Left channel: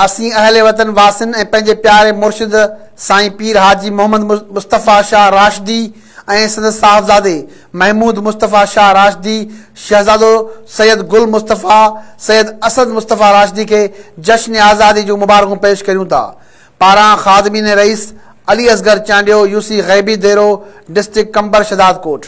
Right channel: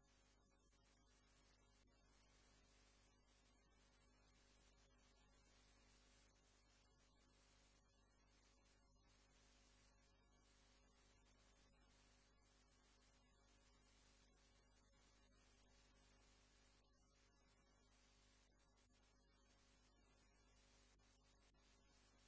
असीं अहले वतन वासिन ऐं पंहिंजे प्यारे मुर्शिद साईं पीर हाजी मोहम्मद मुस्तफ़ा शाह राशिदी ऐं संदसि साहिबज़ादे महमूद मुस्तफ़ा शाह राशिदी शहज़ादो सैयद गुल मुस्तफ़ा सैयद असद मुस्तफ़ा राशिदी के जश्न आज़ादी जूं मुबारकूं पेश करियूं था। पारां ख़ादमीन रईस अली असगर चांडियो यूसी ग़ैबी देरो डिस्ट्रिक्ट कंबर शदाद कोट।